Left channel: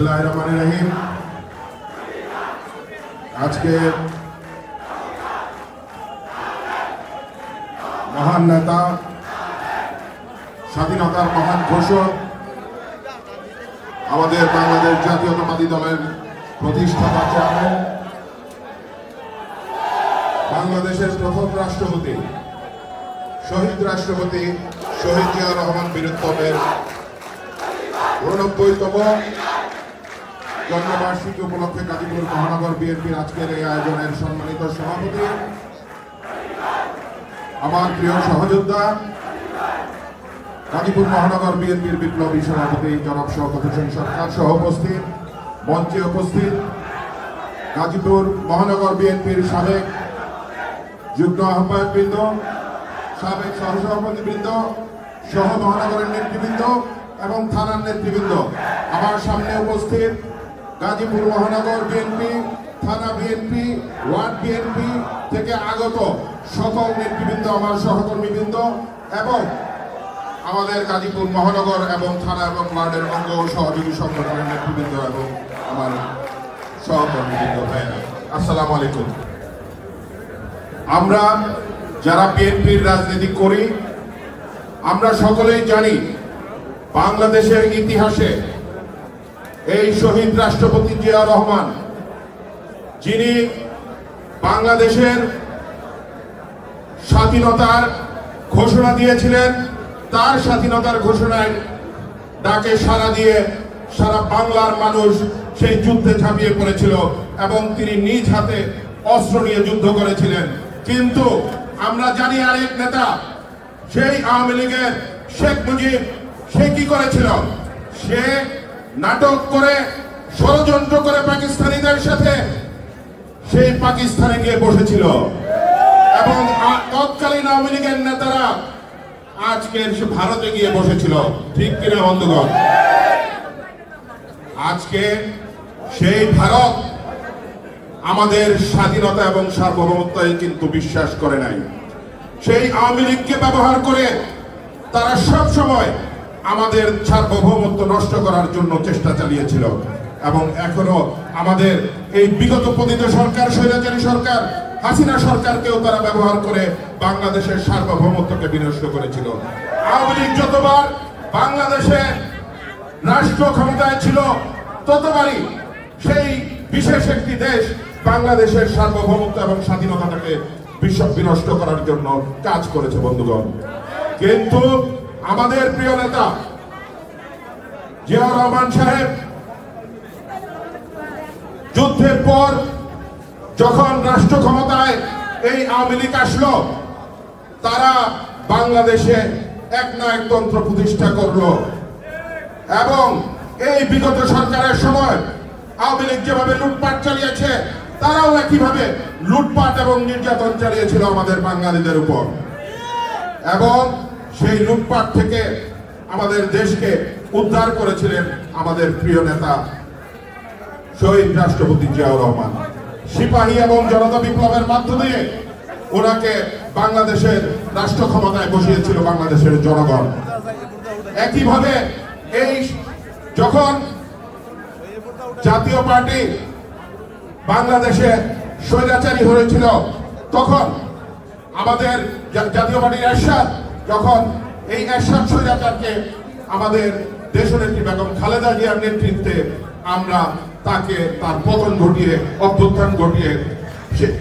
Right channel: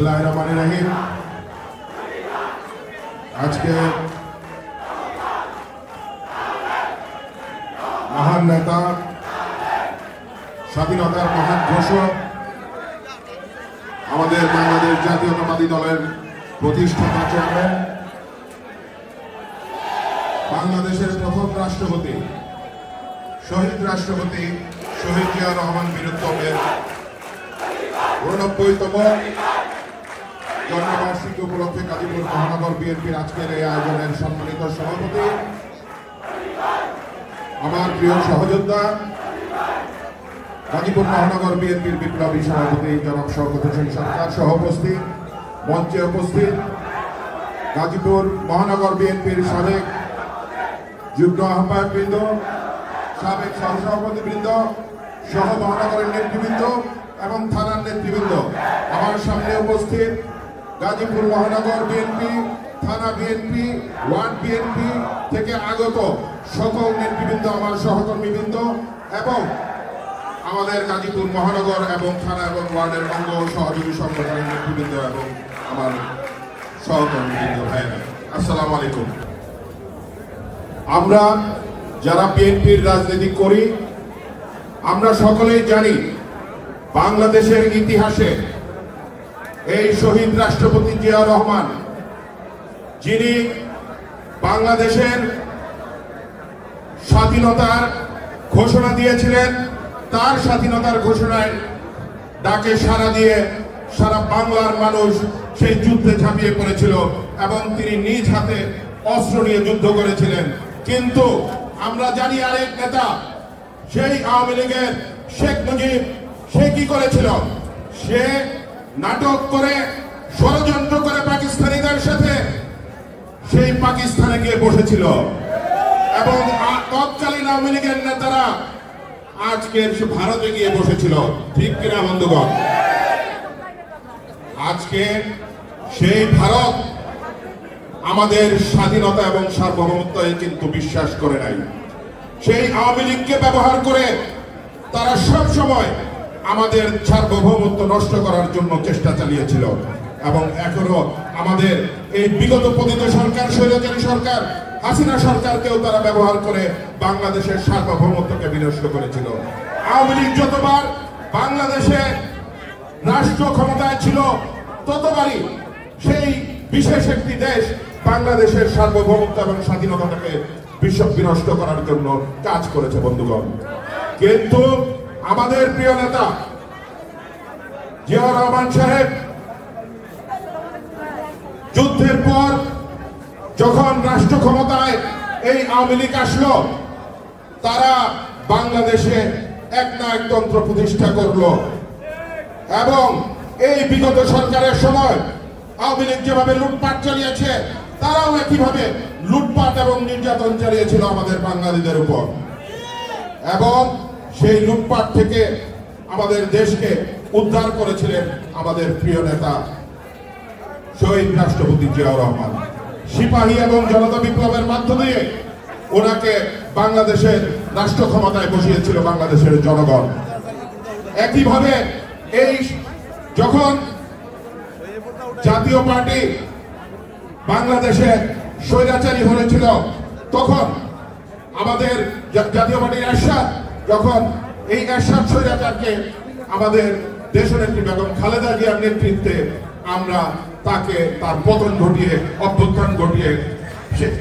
বিসমিল্লাহির রহমানির রহিম। আজকে মহান নেতা, স্বাধীনতার মহান ঘোষক, আমাদের বাংলাদেশ জাতীয়তাবাদী দলের প্রতিষ্ঠাতা চেয়ারম্যান, বাংলাদেশের প্রথম রাষ্ট্রপতি, শহীদ রাষ্ট্রপতি শহীদ জিয়াউর রহমান বীরত্তমের 89তম জন্মবার্ষিকী উপলক্ষে গাজীপুর মহানগর বিএনপির আজকের এই আয়োজনের সম্মানিত সভাপতি, আমার প্রিয় সহযোদ্ধা, গাজীপুর মহানগর বিএনপির বিপ্লবী সভাপতি জনাব শওকত হোসেন সরকার সহ উপস্থিত, মঞ্চে উপস্থিত গাজীপুর মহানগর বিএনপির সাবেক যুগ্ম আহ্বায়কবৃন্দ, সাবেক সহসভাপতিবৃন্দ সহ মহানগরের নেতৃবৃন্দ এবং থানার নেতৃবৃন্দ, আমার সামনে উপস্থিত গাজীপুর মহানগর বিএনপি, থানা বিএনপি, ওয়ার্ড বিএনপি থেকে আগত সকল নেতৃবৃন্দ, আমার সহকর্মীবৃন্দ এবং আমাদের গাজীপুর মহানগর এবং থানা এবং ওয়ার্ডের অঙ্গ সহযোগী সংগঠনের নেতৃবৃন্দ এবং আমার সহকর্মীবৃন্দ ভাইরা, আসসালামু আলাইকুম। আমরা যারা বিএনপির রাজনীতি করি, আমরা সকলেই জানি বাংলাদেশের ইতিহাসে এই শহীদ রাষ্ট্রপতি জিয়াউর রহমান, যিনি বাংলাদেশের স্বাধীনতার ঘোষণা দিয়েছিলেন, তার স্বাধীনতার ঘোষণায় ডাকে সাড়া দিয়ে সারা বাংলার মানুষ সেই যুদ্ধে ঝাঁপিয়ে পড়েছিল এবং তিনি নিজ হাতে অস্ত্র নিয়ে যুদ্ধ করেছিলেন। কিন্তু আমরা জানি আরেক নেতা, সেই আওয়ামী লীগের শেখ মুজিব, সে কি করেছিল? সে নাটক করে, ষড়যন্ত্র করে পাকিস্তানিদের সাথে সেই পাকিস্তানে গিয়ে বসেছিল এবং তৎকালীন আওয়ামী লীগের নেতারা আজকে ভারতে গিয়ে বসেছিল। ঠিক কিনা বন্ধুগণ? আজকে সেই ভারত আমাদের স্বাধীনতা এবং সার্বভৌমত্বে কিন্তু বিশ্বাস করে নাই। সেই আওয়ামী লীগকে ব্যবহার করে তারা সব সময় আমাদের সার্বভৌমত্ব নষ্ট করার জন্য চেষ্টা চালিয়েছিল এবং এখনো আমাদের এই বিগত পতিত সরকার, স্বৈরাচারী সরকার, হাসিনা সরকারকেও তারা ব্যবহার করে বাংলাদেশের সার্বভৌমত্বকে বিনষ্ট করেছিল। আওয়ামী লীগ যতবার বাংলাদেশে রাষ্ট্র ক্ষমতায় ছিল, ততবারই সেই বিশেষ একটি দেশ বাংলাদেশের সার্বভৌমত্ব এবং স্বাধীনতাটাকে বিনষ্ট করার জন্য কাজ করেছে বন্ধুগণ। কিন্তু আমাদের প্রিয় নেতা জিয়াউর রহমান সাহেব যুদ্ধের পর যখন রাষ্ট্র ক্ষমতায় এই আওয়ামী লীগ আসলো, তারা বাংলাদেশে একনায়কতন্ত্র প্রতিষ্ঠা করলো এবং এই বিগত সরকারের সময় আওয়ামী লীগ যেভাবে লুটপাট চালিয়েছে, তারাও একইভাবে লুটপাট এবং নির্যাতন চালিয়েছিল আমাদের বাঙালিদের উপর এবং সেই লুটপাট থেকে আমাদের দেশকে উদ্ধার করেছিলেন আমাদের প্রিয় নেতা শহীদ রাষ্ট্রপতি জিয়াউর রহমান। সিপাহী এবং জনতা বিপ্লবের মাধ্যমে ওনাকে বাংলাদেশের রাষ্ট্র ক্ষমতায় বসিয়েছিল বাংলাদেশের জনগণ। একইভাবে এই যখন জাতীয় পার্টি বাংলাদেশে স্বৈরাচারী হয়েছিল, তখন আমাদের জাতীয় পার্টির এরশাদ, যখন এই এরশাদ স্বৈরাচারকে আমাদের দেশনেত্রী বেগম খালেদা জিয়ার নেতৃত্বে আমরা তাকে তার পতন ঘটিয়ে, অভ্যুত্থান ঘটিয়ে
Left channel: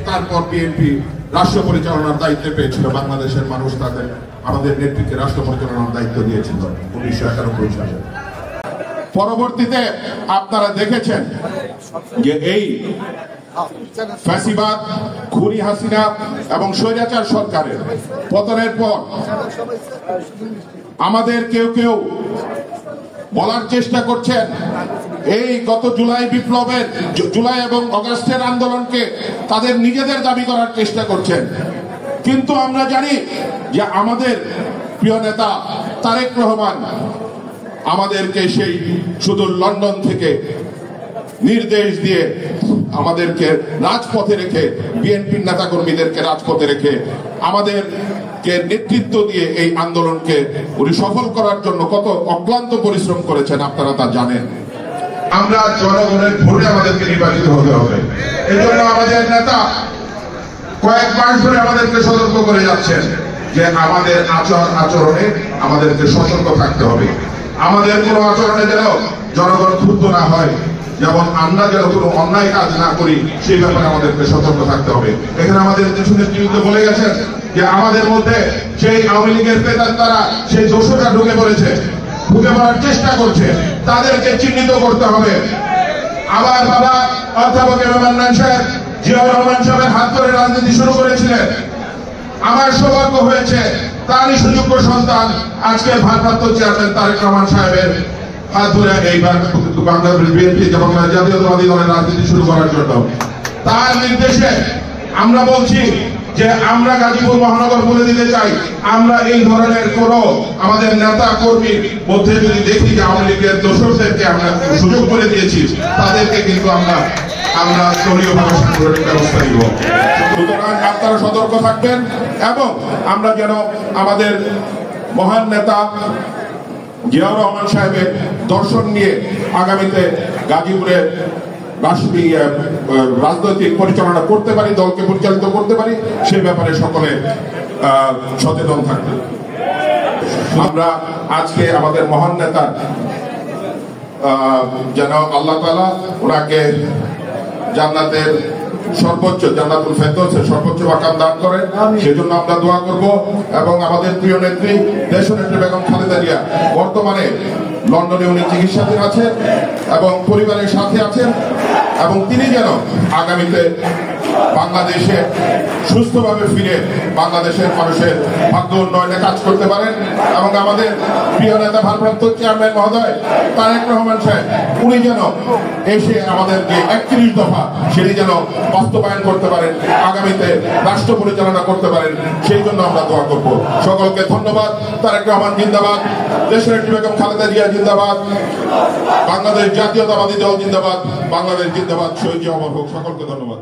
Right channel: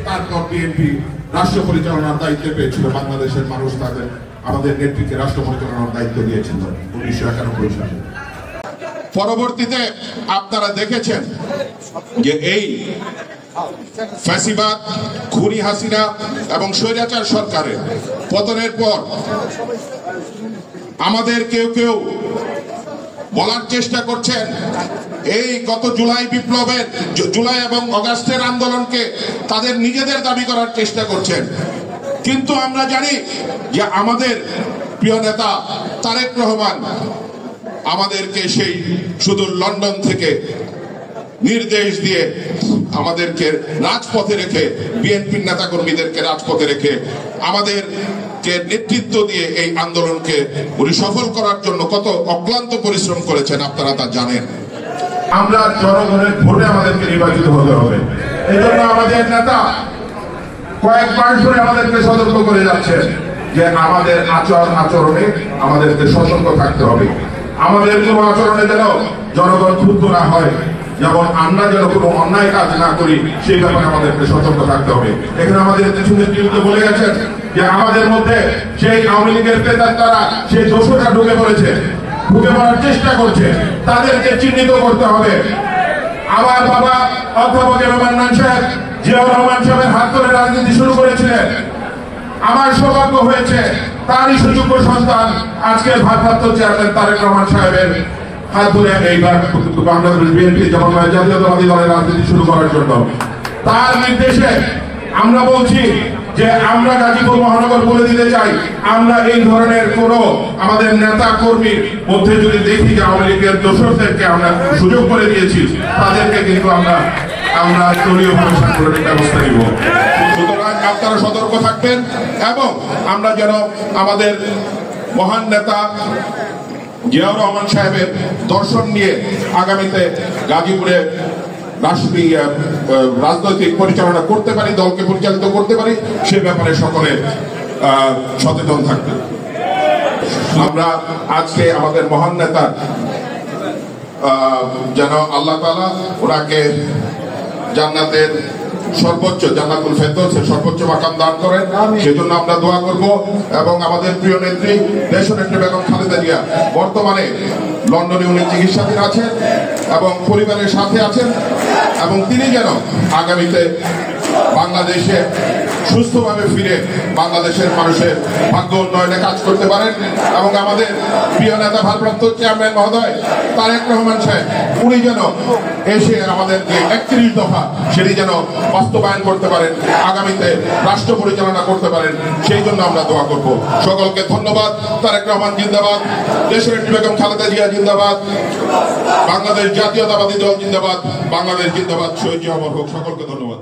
তারপর বিএনপি রাষ্ট্র পরিচালনার দায়িত্বে পেয়েছিল। বাংলাদেশের মানুষ তাদের আমাদের নেতৃত্বে রাষ্ট্র পরিচালনার দায়িত্ব দিয়েছিল 1991 সালে। পরবর্তীতে আপনারা দেখেছেন যে এই ফ্যাসিবাদ, খুনি হাসিনা এবং স্বৈরাচার সরকারের পতনের পর আমাদের কেউ কেউ বলার চেষ্টা করছেন এই গত জুলাই বিপ্লবের, জুলাই এবং আগস্টের আন্দোলনকে তাদের নিজেদের দাবি করার চেষ্টা করছেন। কিন্তু আমরা জানি যে আমাদের প্রিয় নেতা তারেক রহমান আমাদেরকে সেই সুদূর লন্ডন থেকে নির্দেশ দিয়ে আমাদেরকে রাজপথে রেখে, বিএনপির নেতা কর্মীদেরকে রাজপথে রেখে আমাদেরকে নেতৃত্ব দিয়ে এই আন্দোলনকে উনি সফল করার জন্য কত অক্লান্ত পরিশ্রম করেছেন আপনারা তা জানেন। আমরা জনগণের ভোটে আমাদেরকে নির্বাচিত হতে হবে। এই জন্য আমাদের নেতা কয়েক মাস ধরে আমাদেরকে সতর্ক করে যাচ্ছে যে আমাদের আচরণে আমাদেরকে সতর্ক থাকতে হবে। আমাদের কোনো আচরণে যেন জনগণ ক্ষুব্ধ না হয়, যেমন আমরা যেন কোনো অন্যায় কাজ না করি, সেই ব্যাপারে আমাদেরকে সতর্ক থাকতে হবে। এখানে আমাদের কিছু নেতৃত্ব বলে গেছেন যে আমাদের মধ্যে সেই আওয়ামী লীগের প্রেতাত্মারা সেই দোষটা ঢুকে পড়ার চেষ্টা করছে, তাদেরকে চিহ্নিত করতে হবে। আবার বাবা অধ্যাপক এম এ মান্নান সাহেব জিয়াউর রহমান সাহেবের হাত ধরে রাজনীতি শুরু করেছিলেন। আমার সৌভাগ্য হয়েছে তারই সুযোগ্য সন্তান আজকে ভারপ্রাপ্ত চেয়ারম্যান তারেক রহমান সাহেবের হাত ধরে এইবার বাংলাদেশ বিএনপি যেমন জাতীয়তাবাদী দলের রাজনীতি শুরু করার জন্য তার নির্দেশে আমরা বলছি যে আমরা গাজীপুর মহানগর বলে দিতে চাই, আমরা এই ধরনের কোন আমাদের নেতা কর্মীর মধ্যে যদি দেখি যে আওয়ামী লীগের দোষরদেরকে আমরা সুযোগ করে দিয়েছি, তাদেরকে কিন্তু আমরা দলীয়ভাবে সাংগঠনিক ব্যবস্থা নিব। সুতরাং আপনারা সতর্ক থাকবেন এবং আমরা যেন আমাদের মহান নেতা জিয়াউর রহমান সাহেবের দর্শন নিয়ে আগামীতে গাজীপুরে রাজনৈতিক পরিচালনা করতে পারি, দলকে পরিচালিত করতে পারি, সে ব্যাপারে সকলে সচেতন থাকবে। আমরা আজকে আমাদের মহান নেতা যেন আল্লাহ তাআলা ওনাকে জান্নাতের সর্বোচ্চ জান্নাতুল ফেরদৌসের সর্বোচ্চ মাকাম দান করেন, সেজন্য আমরা দোয়া করব। এবং আমাদের প্রিয় নেত্রী দেশনেত্রী বেগম খালেদা জিয়া বর্তমানে লন্ডনে উনি চিকিৎসাধীন আছেন এবং পরিবারের সাথে আছেন, এবং তিনি যেন আগামীতে বাংলাদেশে সুস্থভাবে ফিরে বাংলাদেশের মানুষের ভাগ্য উন্নয়নে কাজ করতে পারেন। এবং আমাদের প্রিয় নেতা ভারপ্রাপ্ত চেয়ারম্যান মহোদয় তারেক রহমান সাহেব উনি যেন এসে আমাদের যে 31 দফা সেটি যেন বাস্তবায়ন করতে পারেন, আগামীতে রাষ্ট্র পরিচালনা করতে পারেন, সেই জন্য আমরা দোয়া করব। সকলকে ধন্যবাদ। তারেক রহমান জিন্দাবাদ, দেশনেত্রী বেগম খালেদা জিয়া জিন্দাবাদ, বাংলাদেশ জাতীয়তাবাদী দল জিন্দাবাদ, বাংলাদেশ জিন্দাবাদ, শহীদ অমর হোক। সকলকে ধন্যবাদ।